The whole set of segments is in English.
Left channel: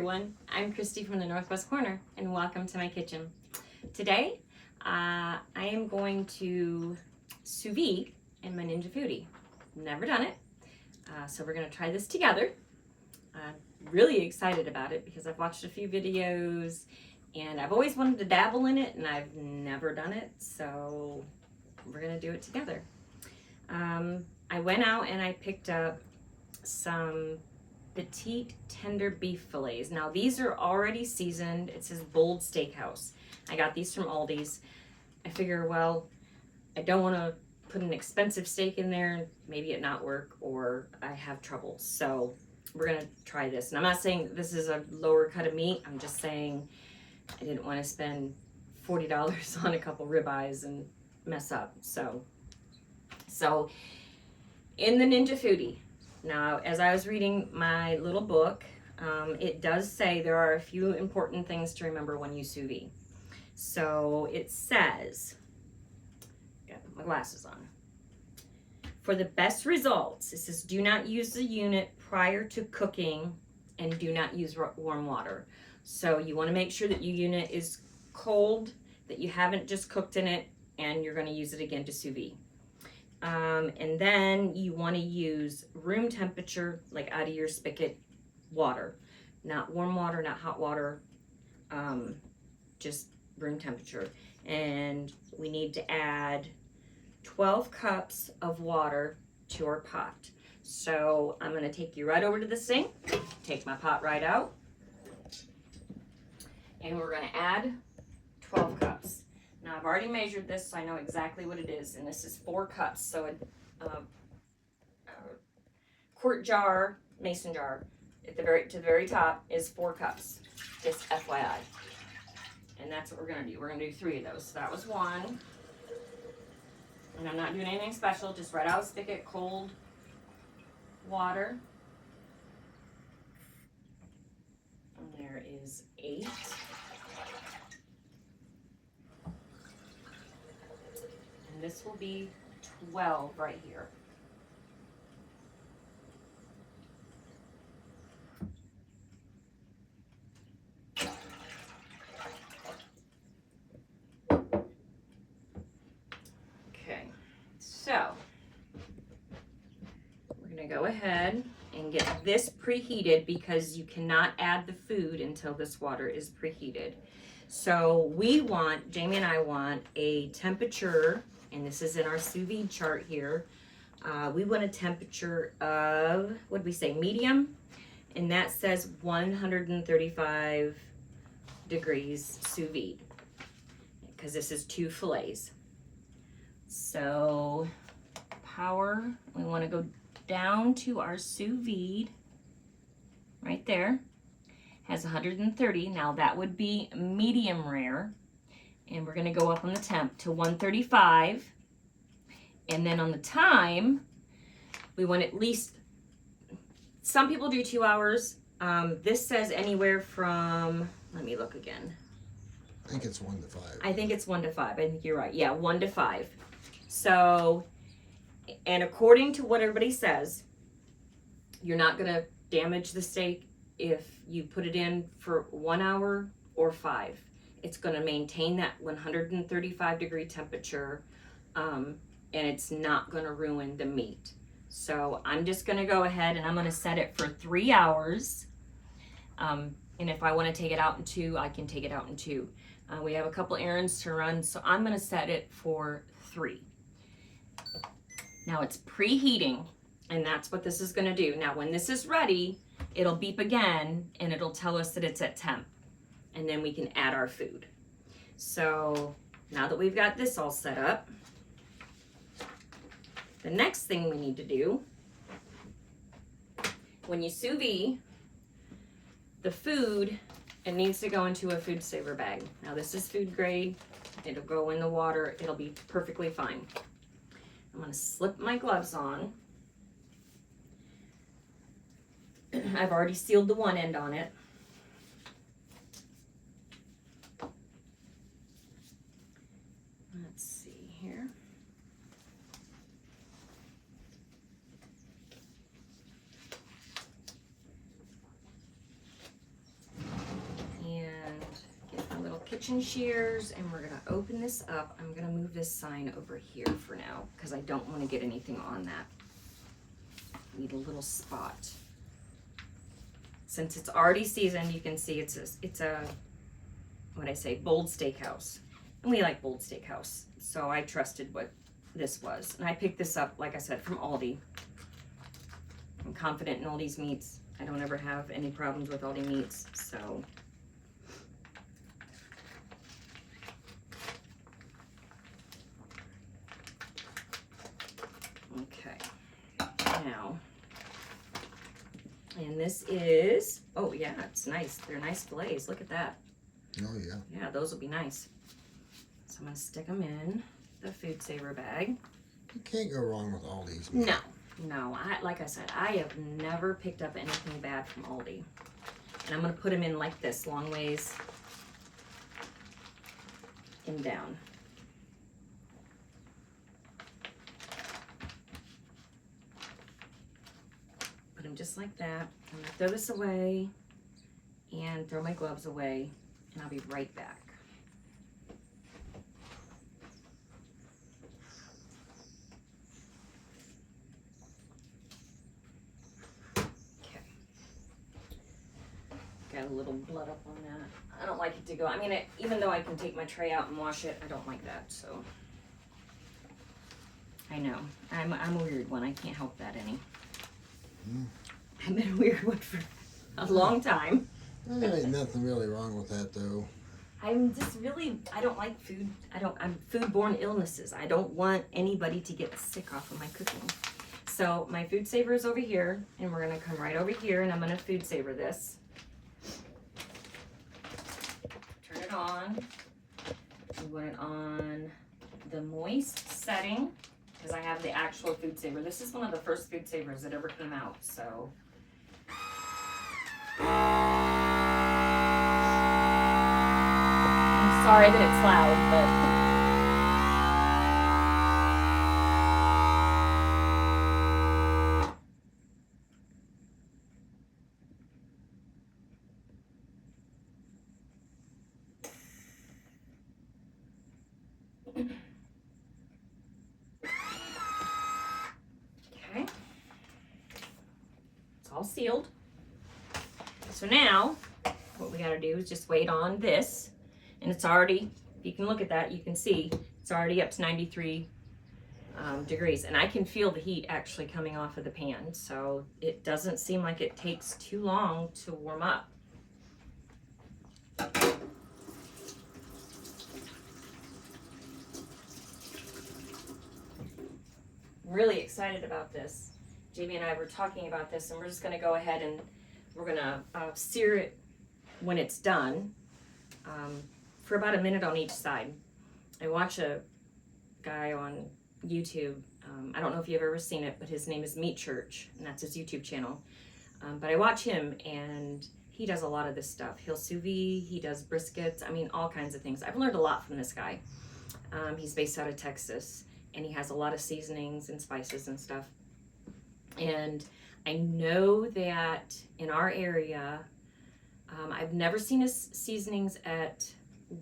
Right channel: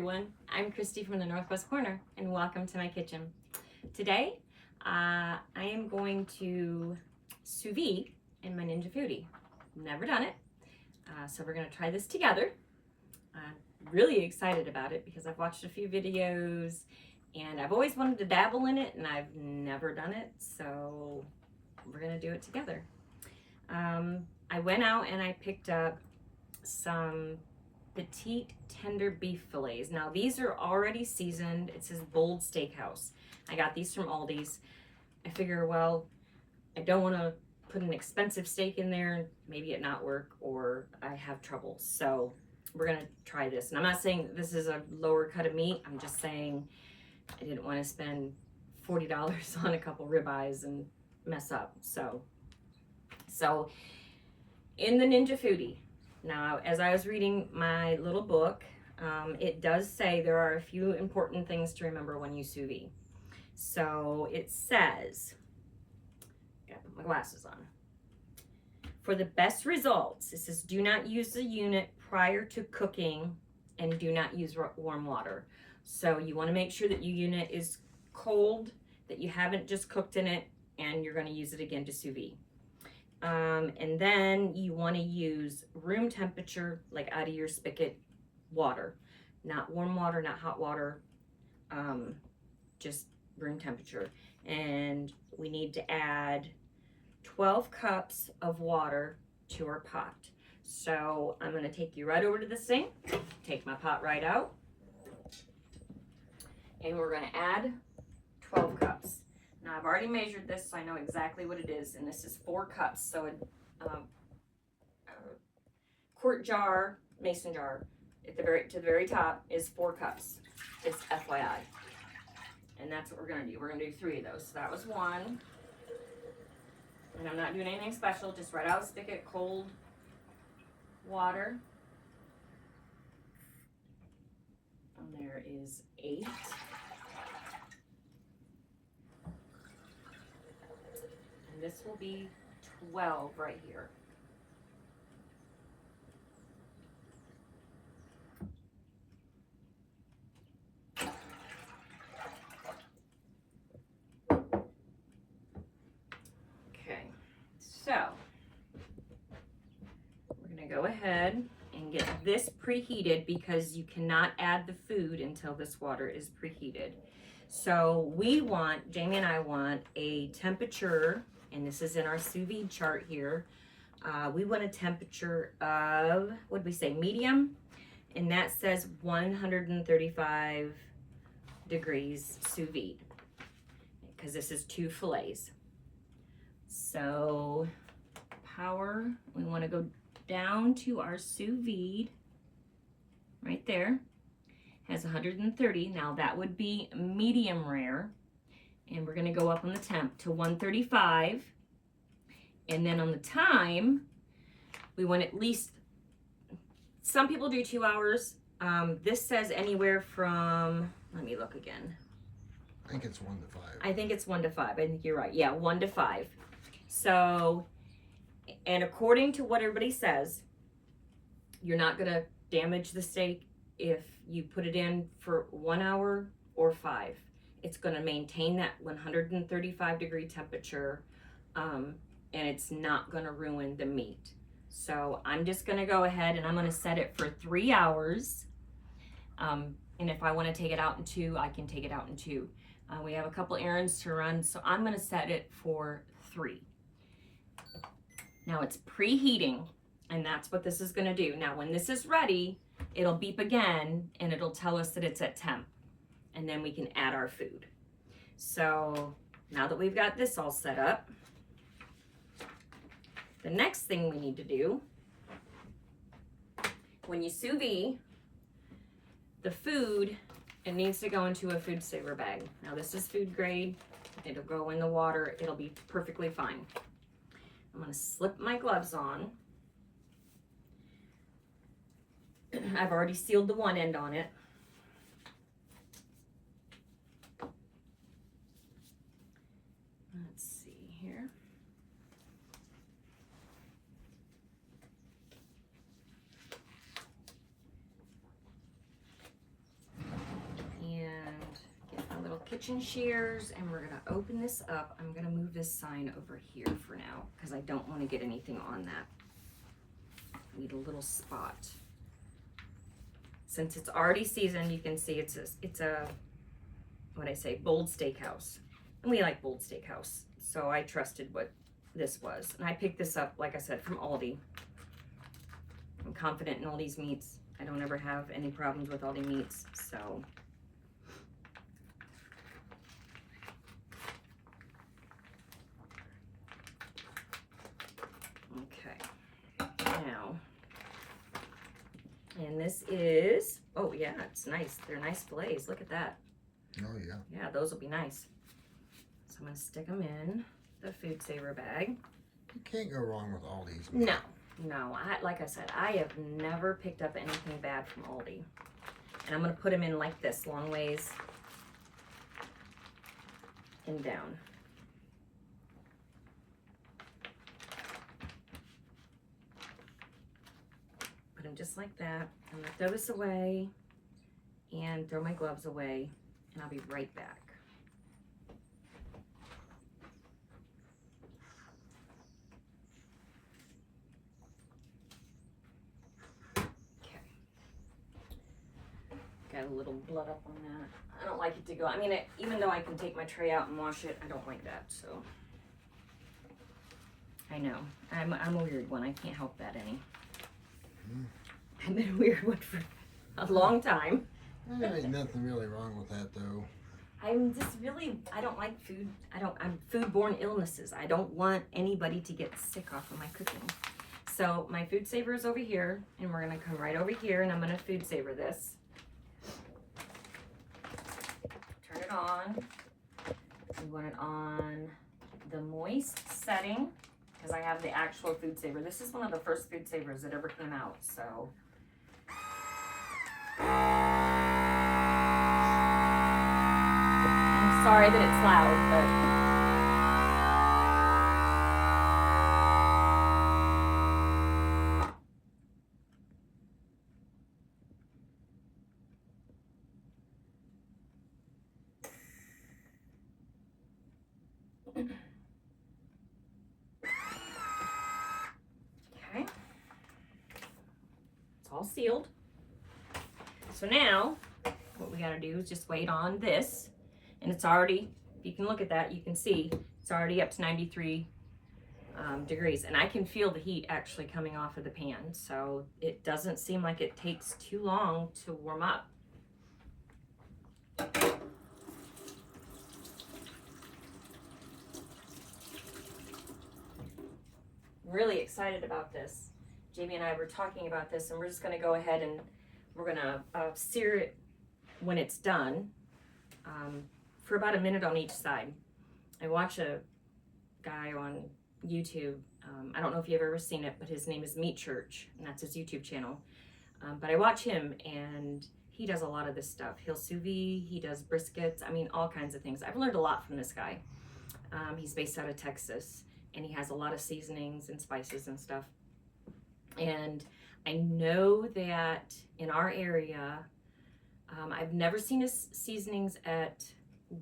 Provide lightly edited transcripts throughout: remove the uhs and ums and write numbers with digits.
everyone, I'm Christy from the Northwest Corner and welcome to my kitchen. Today I am going to sous vide in my Ninja Foodie. Never done it, so we're going to try this together. I'm really excited about it because I've watched a few videos and I've always wanted to dabble in it and I've never done it, so we're going to do it together. I went out and I picked up some Petite tender beef fillets. Now these are already seasoned. It says Bold Steakhouse. I got these from Aldi's. I figure, well, I don't want to put an expensive steak in there, maybe it not work, or I have trouble. So we're gonna try this. And I'm not saying this is a lower cut of meat. I'm just saying I didn't want to spend $40 on a couple ribeyes and mess up. So in the Ninja Foodie. Now, as I was reading my little book, it does say there are a few important things to remember when you sous vide. So it says, gotta put my glasses on. For the best results, it says do not use the unit prior to cooking and do not use warm water. So you want to make sure that your unit is cold, that you haven't just cooked in it, and you're going to use it again to sous vide. And then you want to use room temperature, like out of your spigot water, not warm water, not hot water, just room temperature. And we need to add 12 cups of water to our pot. So I'm going to take you right over to the sink, take my pot right out, and we're going to add 12 cups. Now I've already measured this, so I know exactly what it is, and this is 4 cups. So a quart jar, mason jar, to the very top is 4 cups. Just FYI. And that's what we're gonna do. We're gonna do 3 of those. So that was 1, and I'm not doing anything special. Just right out of spigot, cold water. And there is 8. This will be 12 right here. Okay, so we're gonna go ahead and get this preheated because you cannot add the food until this water is preheated. So Jamie and I want a temperature, and this is in our sous vide chart here. We want a temperature of, what did we say, medium? And that says 135 degrees sous vide, because this is 2 fillets. So power, we want to go down to our sous vide right there. Has 130. Now that would be medium rare. And we're gonna go up on the temp to 135. And then on the time, we want at least, some people do 2 hours. This says anywhere from, let me look again. I think it's 1 to 5. I think it's 1 to 5. I think you're right. Yeah, 1 to 5. So, and according to what everybody says, you're not gonna damage the steak if you put it in for 1 hour or 5. It's going to maintain that 135 degree temperature, and it's not going to ruin the meat. So I'm just going to go ahead and I'm going to set it for 3 hours. And if I want to take it out in 2, I can take it out in 2. We have a couple errands to run, so I'm going to set it for 3. Now it's preheating, and that's what this is going to do. Now when this is ready, it'll beep again and it'll tell us that it's at temp. And then we can add our food. So now that we've got this all set up, the next thing we need to do, when you sous vide, the food, it needs to go into a food saver bag. Now this is food grade. It'll go in the water. It'll be perfectly fine. I'm gonna slip my gloves on. I've already sealed the one end on it. Let's see here. kitchen shears, and we're gonna open this up. I'm gonna move this sign over here for now because I don't want to get anything on that. Need a little spot. Since it's already seasoned, you can see it's a what I say, bold steakhouse, and we like bold steakhouse. So I trusted what this was, and I picked this up, like I said, from Aldi. I'm confident in Aldi's meats. I don't ever have any problems with Aldi meats, so. Okay, now, and this is, oh yeah, it's nice. They're nice fillets, look at that. Oh, yeah. Yeah, those will be nice. So I'm gonna stick them in the food saver bag. You can't go wrong with all these. No, like I said, I have never picked up anything bad from Aldi. And I'm gonna put them in like this, long ways and down. Put them just like that. I'm gonna throw this away and throw my gloves away, and I'll be right back. Got a little blood up on that. I don't like it to go. I mean, even though I can take my tray out and wash it, I don't like that. So I know I'm a weird one. I can't help that any. I've been a weird one for a long time. There ain't nothing really wrong with that, though. I'm just really, I don't like food. I'm foodborne illnesses. I don't want anybody to get sick off of my cooking. So my food saver is over here, and we're gonna come right over here, and I'm gonna food saver this. Turn it on. We want it on the moist setting because I have the actual food saver. This is one of the first food savers that ever came out, so. I'm sorry that it's loud, but. Okay, it's all sealed. So now what we got to do is just wait on this, and it's already, if you can look at that, you can see it's already up to 93 degrees, and I can feel the heat actually coming off of the pan, so it doesn't seem like it takes too long to warm up. Really excited about this. Jamie and I were talking about this, and we're just going to go ahead and we're going to sear it when it's done for about a minute on each side. I watch a guy on YouTube. I don't know if you've ever seen it, but his name is Meat Church, and that's his YouTube channel. But I watch him, and he does a lot of this stuff. He'll sous vide, he does briskets, I mean, all kinds of things. I've learned a lot from this guy. He's based out of Texas, and he has a lot of seasonings and spices and stuff. And I know that in our area, I've never seen his seasonings at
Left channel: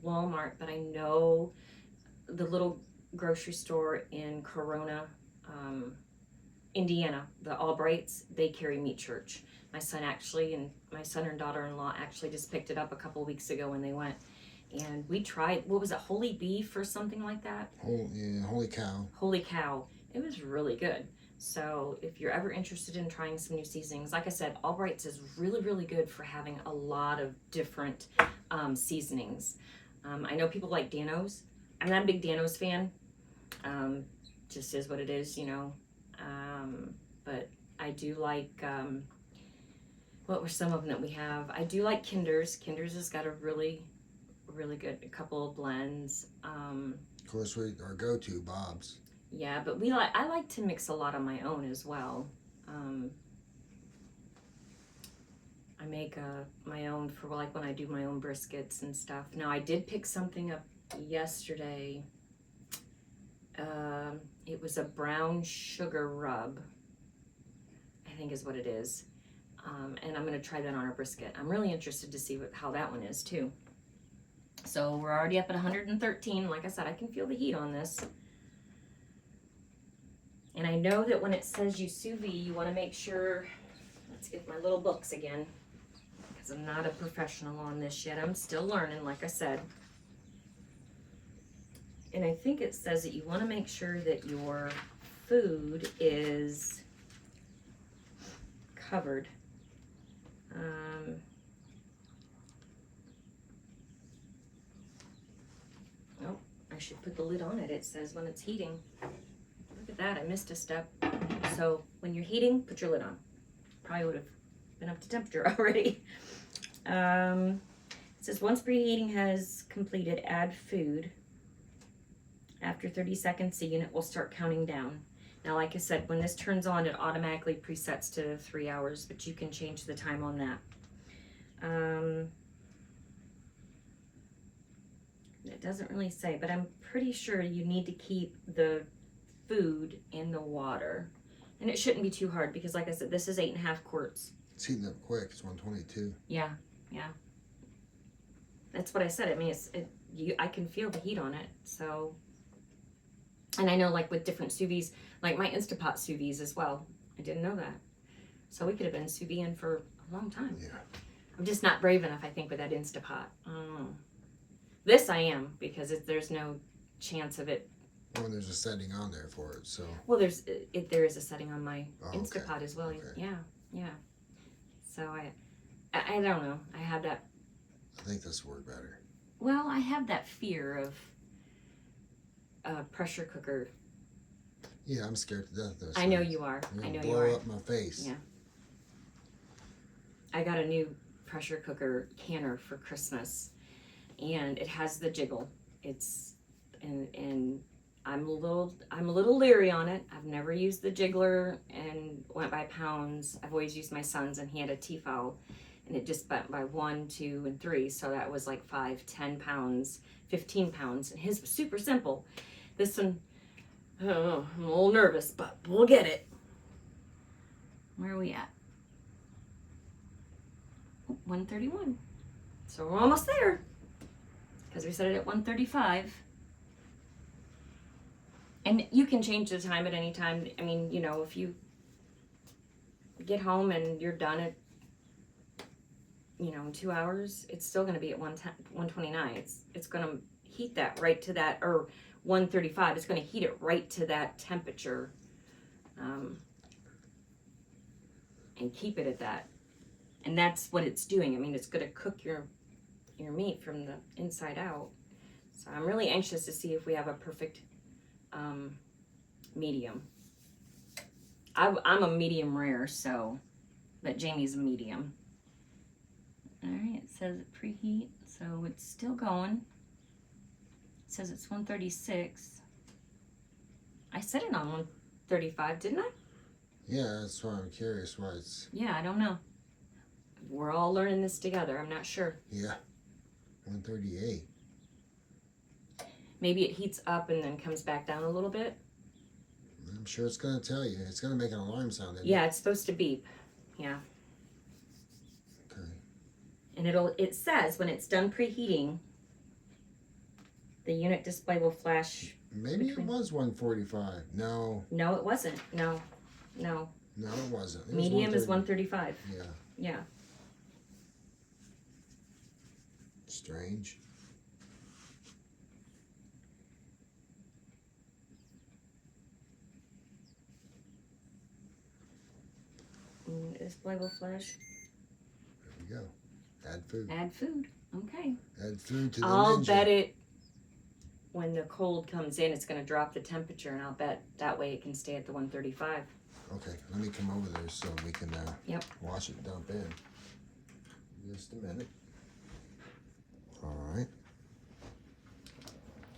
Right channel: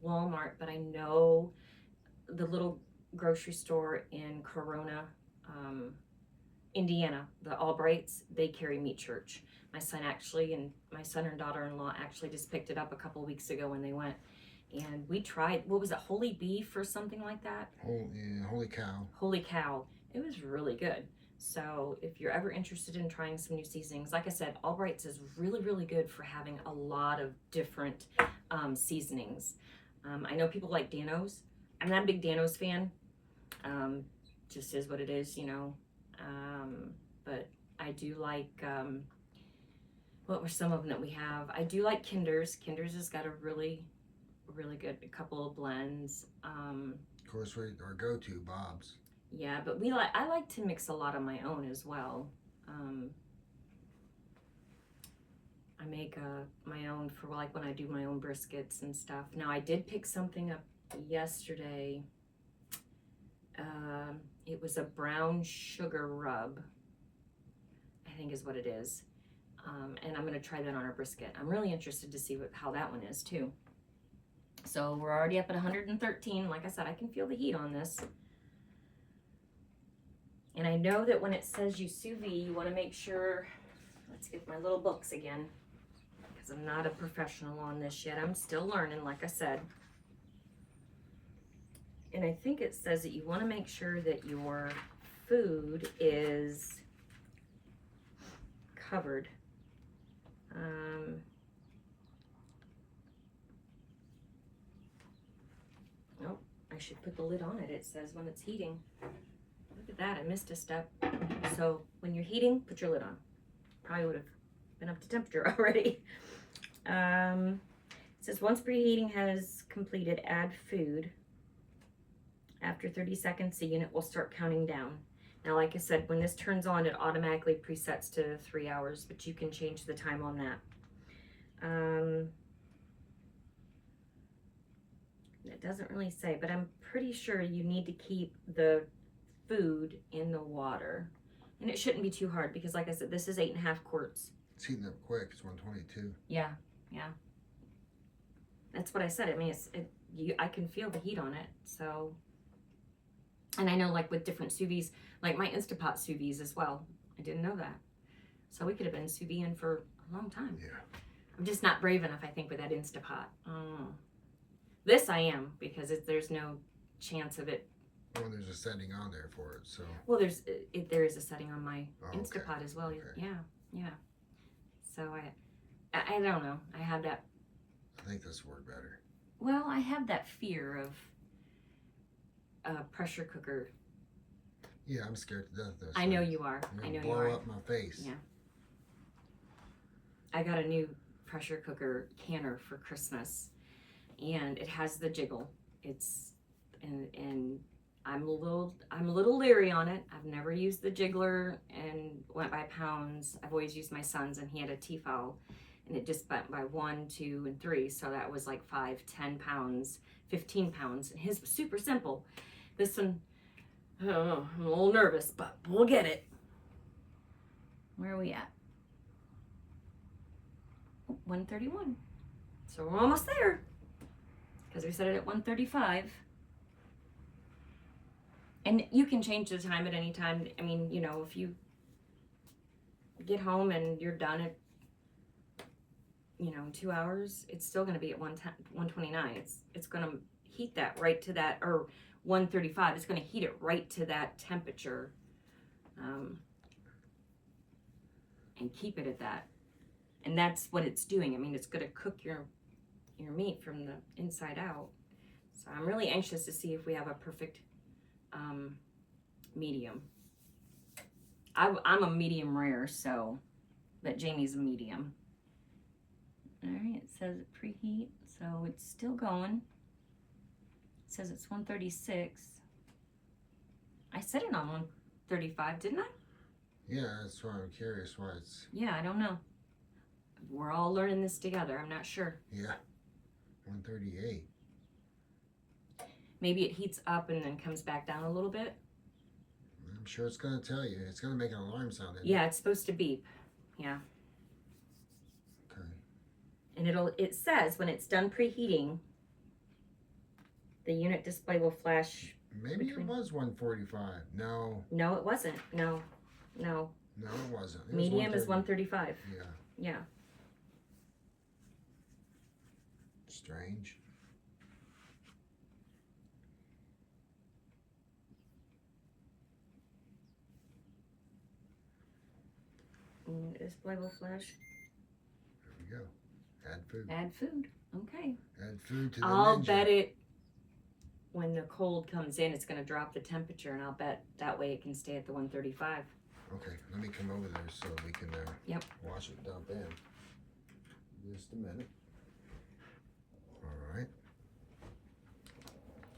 Walmart, but I know the little grocery store in Corona, Indiana, the Albrights, they carry Meat Church. My son and daughter-in-law actually just picked it up a couple weeks ago when they went. And we tried, what was it, holy beef or something like that? Holy cow. Holy cow. It was really good. So if you're ever interested in trying some new seasonings, like I said, Albright's is really, really good for having a lot of different seasonings. I know people like Dano's. I'm not a big Dano's fan. Just is what it is, you know. But I do like, what were some of them that we have? I do like Kinder's. Kinder's has got a really good, a couple of blends. Of course, our go-to, Bob's. Yeah, but I like to mix a lot of my own as well. I make my own for like when I do my own briskets and stuff. Now I did pick something up yesterday. It was a brown sugar rub, I think is what it is. And I'm gonna try that on a brisket. I'm really interested to see how that one is too. So we're already up at 113. Like I said, I can feel the heat on this. And I know that when it says you sous vide, you want to make sure, let's get my little books again, because I'm not a professional on this yet. I'm still learning, like I said. And I think it says that you want to make sure that your food is covered. Oh, I should put the lid on it. It says when it's heating. Look at that, I missed a step. So when you're heating, put your lid on. Probably would have been up to temperature already. It says once preheating has completed, add food. After 30 seconds, the unit will start counting down. Now, like I said, when this turns on, it automatically presets to 3 hours, but you can change the time on that. It doesn't really say, but I'm pretty sure you need to keep the food in the water. And it shouldn't be too hard because, like I said, this is 8.5 quarts. It's heating up quick. It's 122. Yeah, yeah. That's what I said. I mean, I can feel the heat on it, so... And I know, like, with different sous vides, like my Instapot sous vides as well. I didn't know that. So we could have been sous videing for a long time. Yeah. I'm just not brave enough, I think, with that Instapot. This I am, because there's no chance of it. Well, there's a setting on there for it, so. Well, there is a setting on my Instapot as well. Okay. Yeah. So I don't know. I have that. I think this worked better. Well, I have that fear of pressure cooker. Yeah, I'm scared to death of this. I know you are. I know you are. Blow up my face. Yeah. I got a new pressure cooker canner for Christmas, and it has the jiggle. And I'm a little leery on it. I've never used the jiggler and went by pounds. I've always used my son's, and he had a Tefal, and it just went by 1, 2, and 3. So that was like 5, 10 pounds, 15 pounds. And his was super simple. This one, I don't know, I'm a little nervous, but we'll get it. Where are we at? 131. So we're almost there. Because we set it at 135. And you can change the time at any time. I mean, you know, if you get home and you're done at, you know, in 2 hours, it's still going to be at 129. It's going to heat that right to that, or 135. It's going to heat it right to that temperature, and keep it at that. And that's what it's doing. I mean, it's going to cook your meat from the inside out. So I'm really anxious to see if we have a perfect medium. I'm a medium rare, so, but Jamie's a medium. All right, it says preheat, so it's still going. It says it's 136. I set it on 135, didn't I? Yeah, that's why I'm curious why it's. Yeah, I don't know. We're all learning this together. I'm not sure. Yeah, 138. Maybe it heats up and then comes back down a little bit. I'm sure it's going to tell you. It's going to make an alarm sound. Yeah, it's supposed to beep. Yeah. Okay. And it says when it's done preheating, the unit display will flash. Maybe it was 145. No. No, it wasn't. No. No, it wasn't. It Medium was is 135. Yeah. Yeah. Strange. Display will flash. There we go. Add food. Add food. Okay. Add food to the I'll ninja. bet it, when the cold comes in, it's going to drop the temperature, and I'll bet that way it can stay at the 135. Okay, let me come over there so we can Yep. wash it and dump in. Just a minute. All right.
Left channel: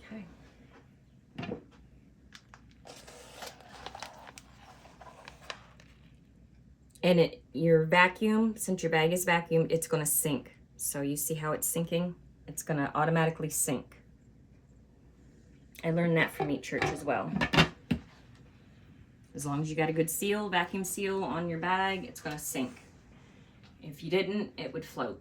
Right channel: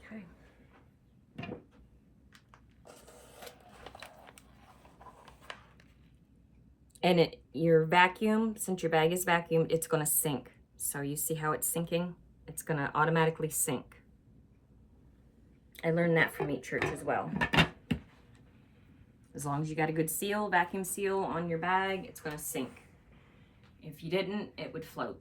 Okay. And your vacuum, since your bag is vacuumed, it's going to sink. So you see how it's sinking? It's going to automatically sink. I learned that from Meat Church as well. As long as you got a good seal, vacuum seal on your bag, it's going to sink. If you didn't, it would float.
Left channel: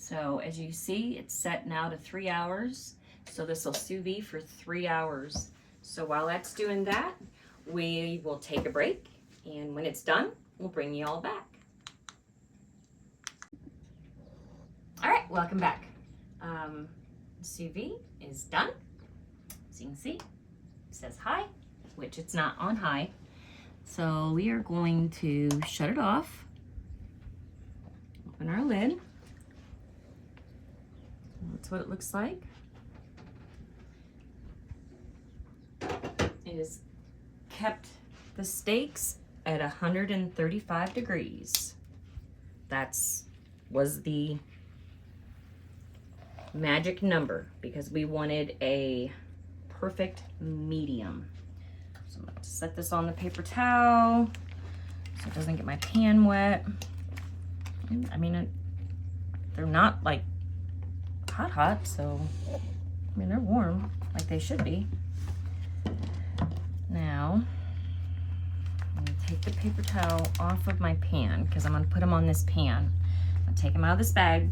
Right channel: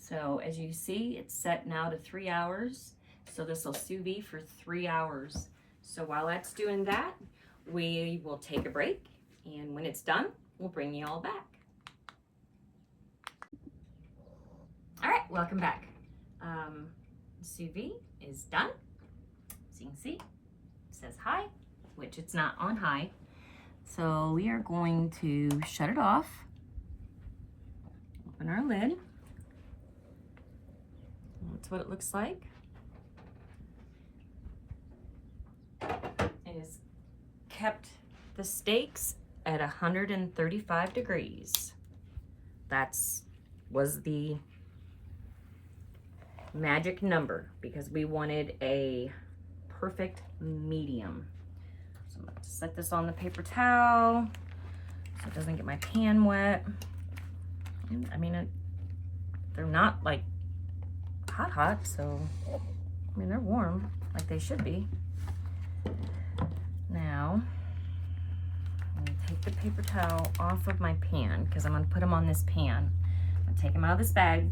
So as you see, it's set now to 3 hours. So this will sous vide for 3 hours. So while that's doing that, we will take a break. And when it's done, we'll bring you all back. All right, welcome back. Sous vide is done. As you can see, it says high, which it's not on high. So we are going to shut it off. Open our lid. That's what it looks like. It has kept the steaks at 135 degrees. Was the magic number because we wanted a perfect medium. So I'm going to set this on the paper towel so it doesn't get my pan wet. And, I mean, they're not like hot, so I mean, they're warm like they should be. Now, I'm going to take the paper towel off of my pan because I'm going to put them on this pan. I'll take them out of this bag,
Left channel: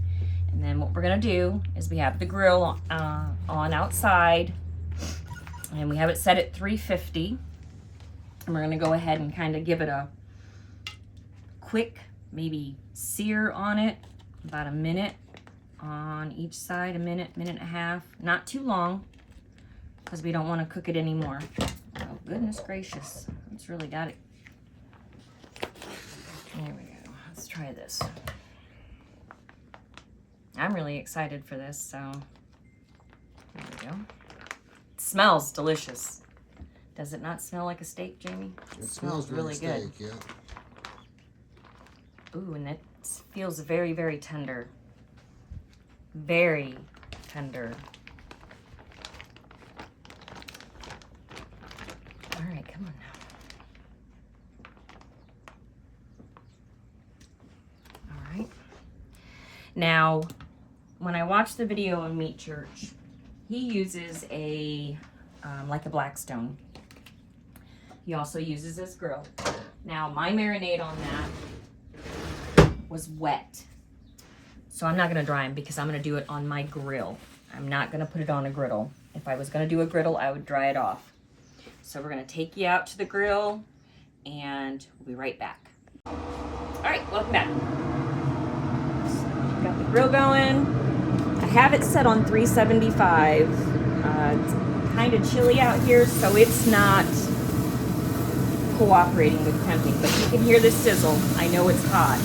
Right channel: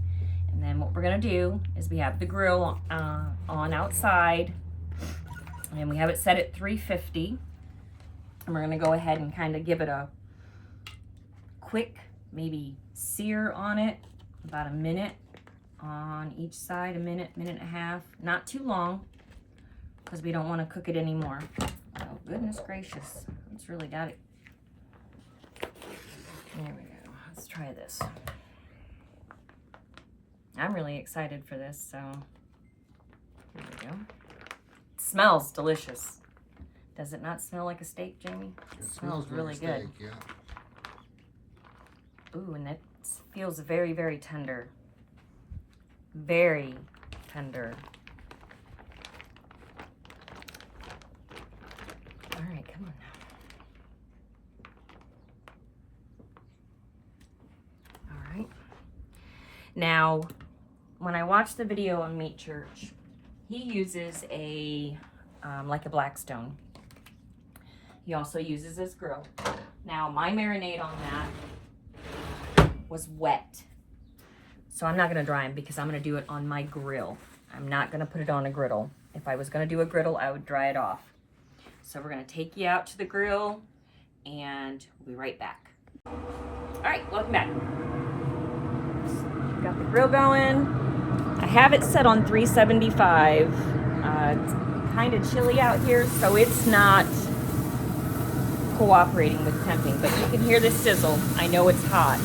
and then what we're going to do is we have the grill on outside, and we have it set at 350, and we're going to go ahead and kind of give it a quick maybe sear on it, about a minute on each side, a minute, minute and a half, not too long because we don't want to cook it anymore. Oh goodness gracious, it's really got it. There we go. Let's try this. I'm really excited for this, so there we go. It smells delicious. Does it not smell like a steak, Jamie? It smells really good. Yeah. Ooh, and it feels very, very tender. Very tender. All right, come on now. All right. Now, when I watched the video on Meat Church, he uses like a Blackstone. He also uses this grill. Now, my marinade on that was wet. So I'm not gonna dry them because I'm gonna do it on my grill. I'm not gonna put it on a griddle. If I was gonna do a griddle, I would dry it off. So we're gonna take you out to the grill and we'll be right back. All right, welcome back. Got the grill going. I have it set on 375. It's kind of chilly out here, so it's not cooperating with temping, but you can hear the sizzle. I know it's hot.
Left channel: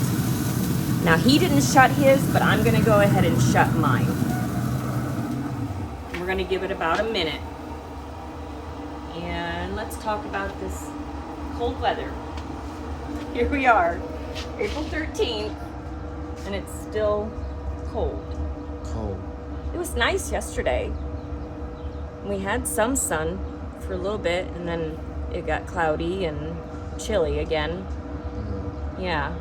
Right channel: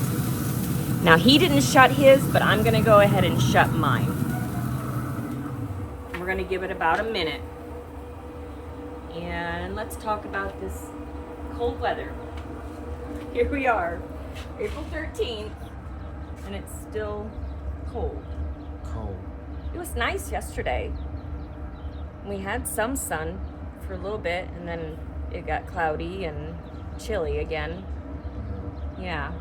Now he didn't shut his, but I'm gonna go ahead and shut mine. We're gonna give it about a minute. And let's talk about this cold weather. Here we are, April 13th, and it's still cold. Cold. It was nice yesterday. We had some sun for a little bit, and then it got cloudy and chilly again. Yeah.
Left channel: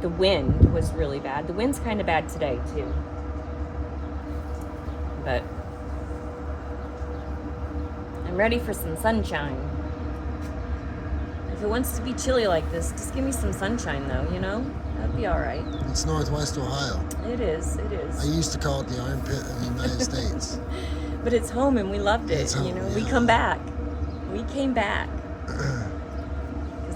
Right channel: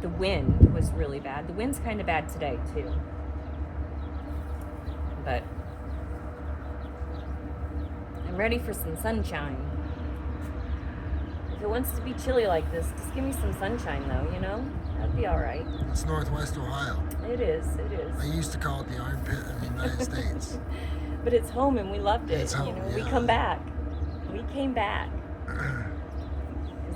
The wind was really bad. The wind's kind of bad today too. But I'm ready for some sunshine. If it wants to be chilly like this, just give me some sunshine though, you know? That'd be all right. It's Northwest Ohio. It is, it is. I used to call it the armpit of the United States. But it's home and we loved it. It's home, you know? yeah. We come back. We came back.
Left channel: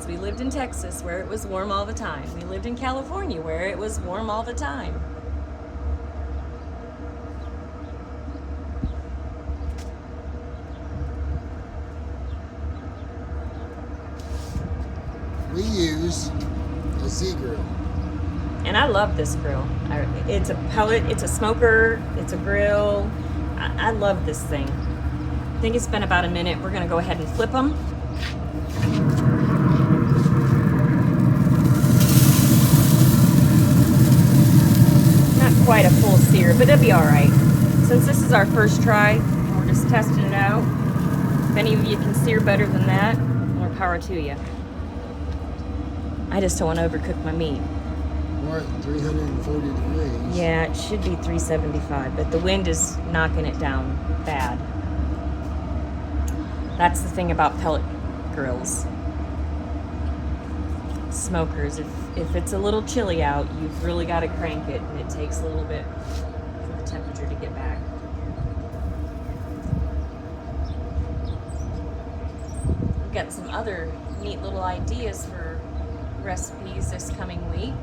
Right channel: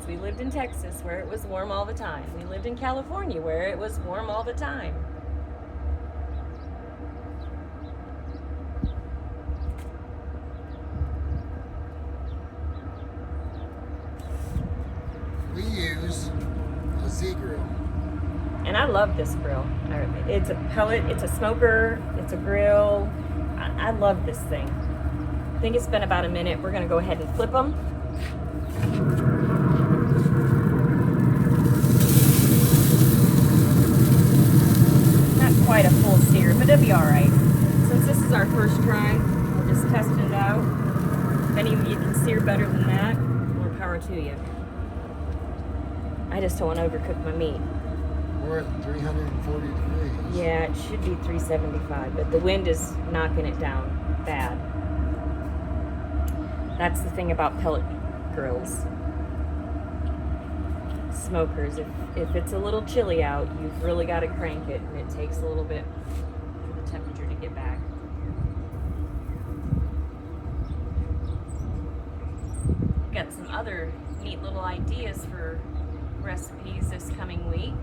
We lived in Texas where it was warm all the time. We lived in California where it was warm all the time. We use a Z grill. And I love this grill. It's a pellet, it's a smoker, it's a grill. I love this thing. I think it's been about a minute. We're gonna go ahead and flip them. Not quite a full sear, but it'll be all right. Since this is our first try, we're just testing it out. If any of you can sear better than that, more power to you. I just don't want to overcook my meat. We're at 340 degrees. Yeah, it should be 375, but the wind is knocking it down bad. That's the thing about pellet grills. smokers. If it's a little chilly out, you've really got to crank it, and it takes a little bit for the temperature to get back. We've got some other neat little ideas for recipes this coming week.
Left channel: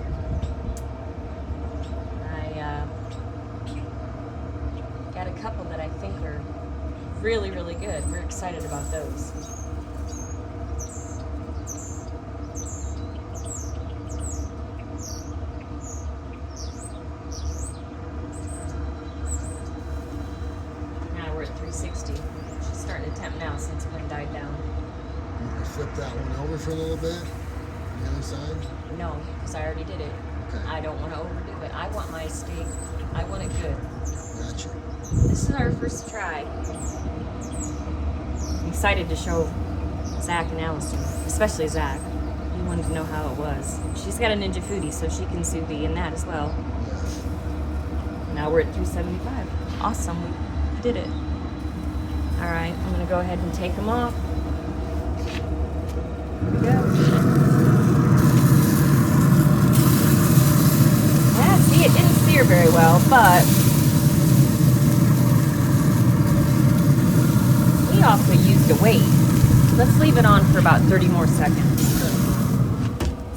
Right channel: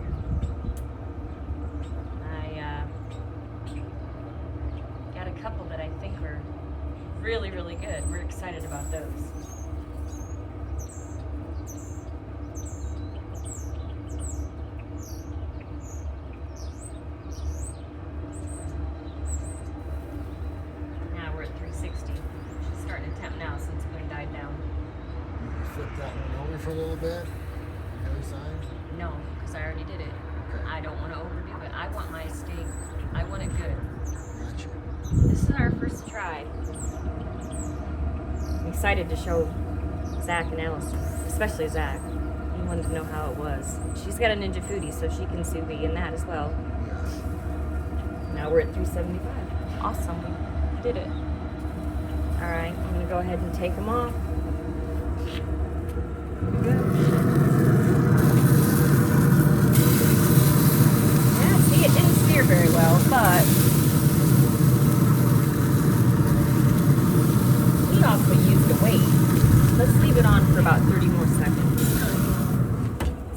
Got a couple that I think are really, really good. We're excited about those. Now we're at 360. She's starting to temp now since one died down. You want to flip that one over for a little bit? On the other side? No, because I already did it. Okay. I don't want to overdo it. I want my steak. I want it good. Gotcha. This is our first try. I'm excited to show Zach and Allison, especially Zach. He wanted to know how it was. She's got a Ninja Foodie, so she can sous vide in that as well. Yeah. Now we're at 375. Awesome. We did it. All right, I'm going to go ahead and take them off. Here we go. Yeah, see, it didn't sear very well, but we also used a weight. Let's leave it on for about 30 more seconds,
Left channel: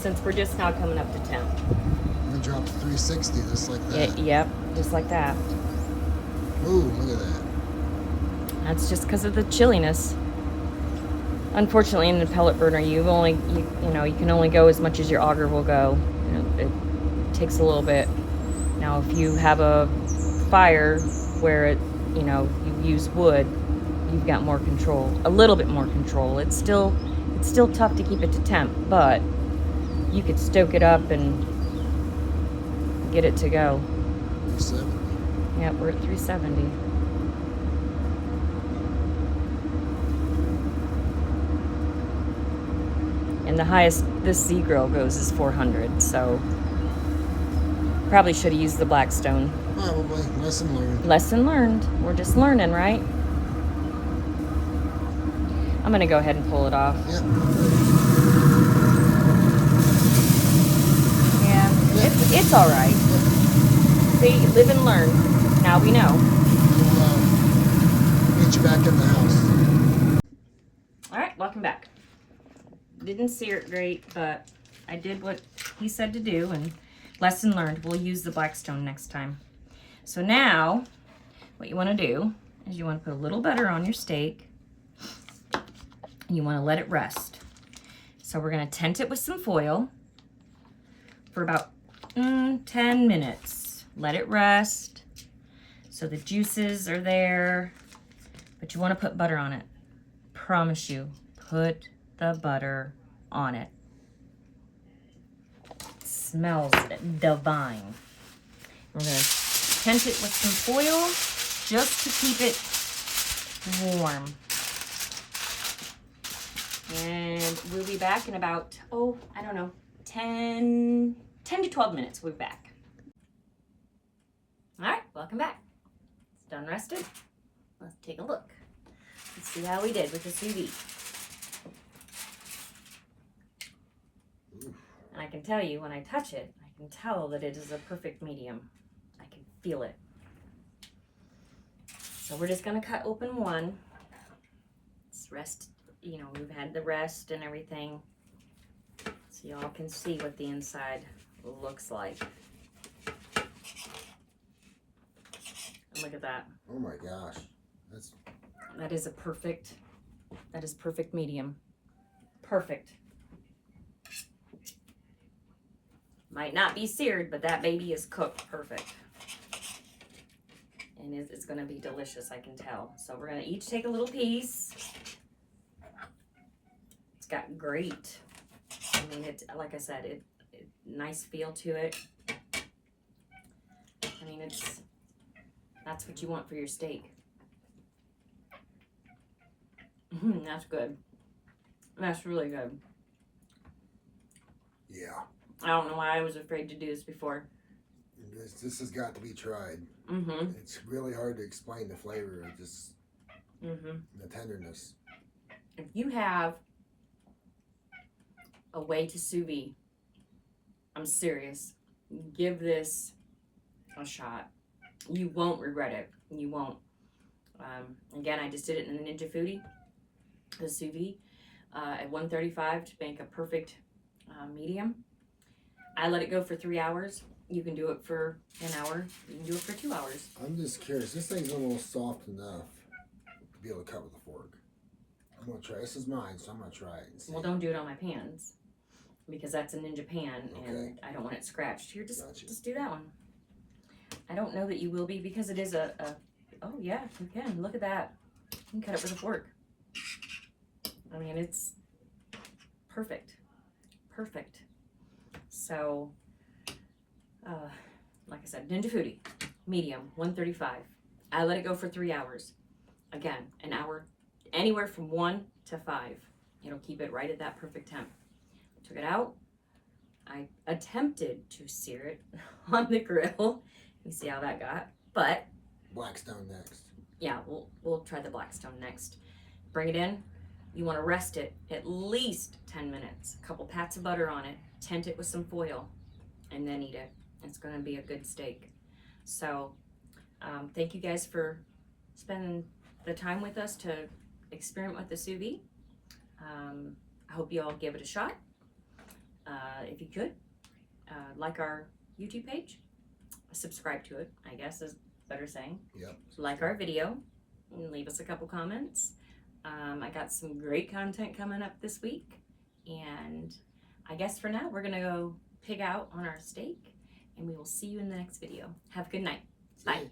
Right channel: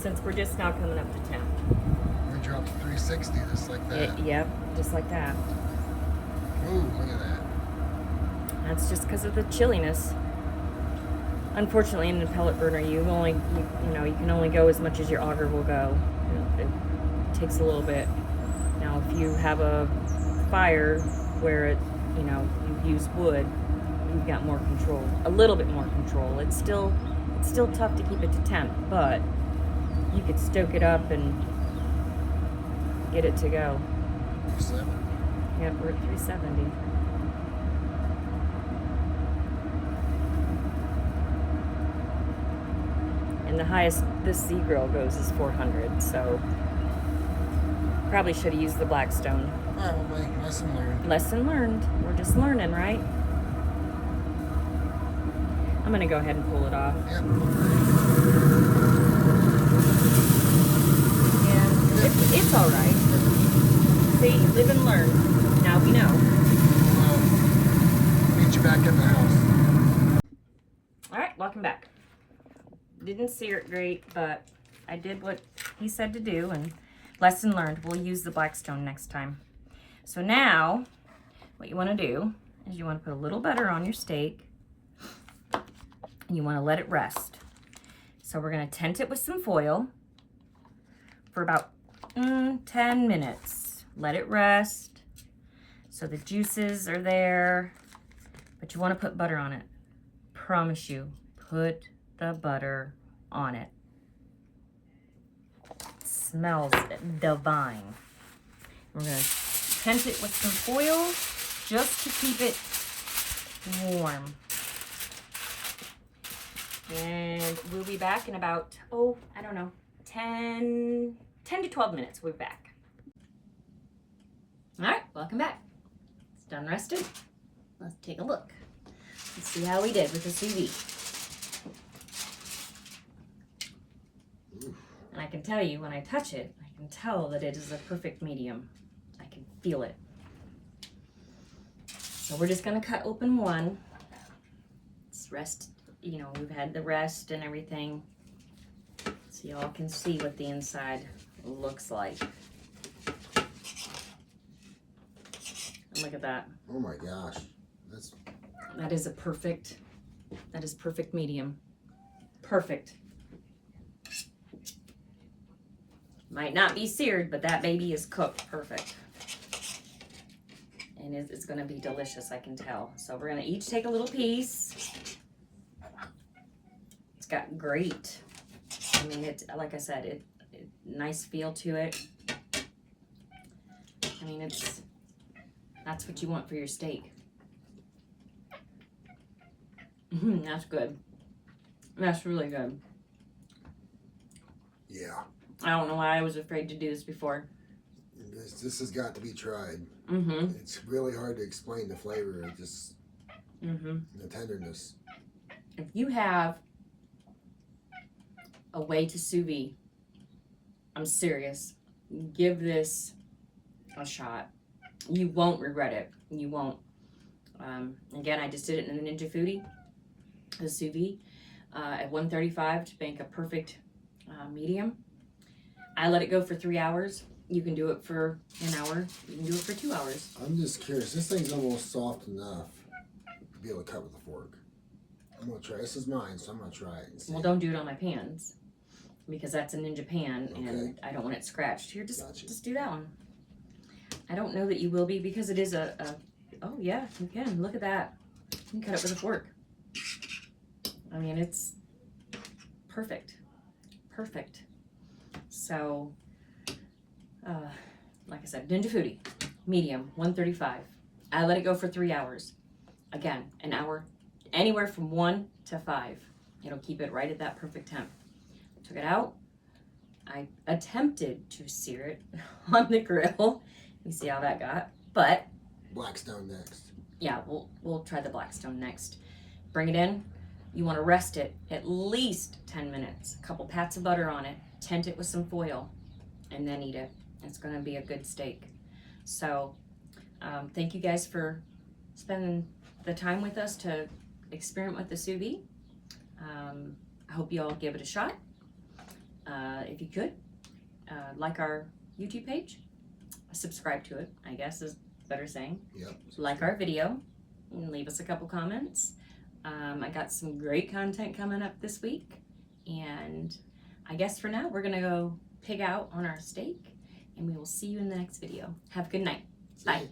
since we're just now coming up to 10. We're gonna drop to 360 just like that. Yep, just like that. Ooh, look at that. That's just because of the chilliness. Unfortunately, in the pellet burner, you can only go as much as your auger will go. It takes a little bit. Now, if you have a fire where you use wood, you've got more control, a little bit more control. It's still tough to keep it to temp, but you could stoke it up and get it to go. 370. Yep, we're at 370. And the highest this Z grill goes is 400, so probably should have used the Blackstone. Probably. Lesson learned. Lesson learned. We're just learning, right? I'm gonna go ahead and pull it off. Yep. Yeah, it's all right. See, live and learn. Now we know. We'll meet you back in the house. All right, welcome back. Didn't sear it great, but I did what he said to do, and lesson learned. We'll use the Blackstone next time. So now, what you want to do is you want to put a little butter on your steak, and you want to let it rest. So we're going to tent it with some foil for about 10 minutes. Let it rest so the juices are there, but you want to put butter on it. Promise you, put the butter on it. It smells divine. We're going to tent it with some foil just to keep it warm. And we'll be back in about, 10 to 12 minutes. We'll be back. All right, welcome back. It's done rested. Let's take a look. Let's see how we did with the sous vide. And I can tell you, when I touch it, I can tell that it is a perfect medium. I can feel it. So we're just gonna cut open one. It's rest, we've had the rest and everything. So y'all can see what the inside looks like. And look at that. Oh my gosh. That is perfect medium. Perfect. Might not be seared, but that baby is cooked perfect. And it's gonna be delicious, I can tell. So we're gonna each take a little piece. It's got great, it's, like I said, it nice feel to it. That's what you want for your steak. That's good. That's really good. Yeah. I don't know why I was afraid to do this before. This has got to be tried. Mm-hmm. It's really hard to explain the flavor. It just the tenderness. If you have a way to sous vide I'm serious. Give this a shot. You won't regret it. You won't. Again, I just did it in the Ninja Foodie, the sous vide, at 135 to make a perfect medium. I let it go for 3 hours. You can do it for an hour. You can do it for 2 hours. I'm just curious. This thing's almost soft enough to be able to cut with a fork. I'm gonna try. This is mine, so I'm gonna try it. And see. Well, don't do it on my pans because that's a Ninja pan, Okay. and I don't want it scratched. Here, just Gotcha. just do that one. I don't know that you will be because it is a oh yeah, you can. Look at that. You can cut it with a fork. I mean, it's perfect. Perfect. So, like I said, Ninja Foodie, medium, 135. I let it go for 3 hours. Again, an hour, anywhere from 1 to 5. It'll keep it right at that perfect temp. Took it out. I attempted to sear it on the grill. You see how that got, but Blackstone next. yeah, we'll try the Blackstone next. Bring it in. You want to rest it at least 10 minutes. A couple pats of butter on it. Tent it with some foil, and then eat it. It's going to be a good steak. So, thank you guys for spending the time with us to experiment with the sous vide. I hope you all give it a shot. If you could, like our YouTube page, subscribe to it, I guess is better saying. Yep. Like our video, and leave us a couple comments. I got some great content coming up this week, and I guess for now we're gonna go pig out on our steak, and we will see you in the next video. Have a good night. Bye.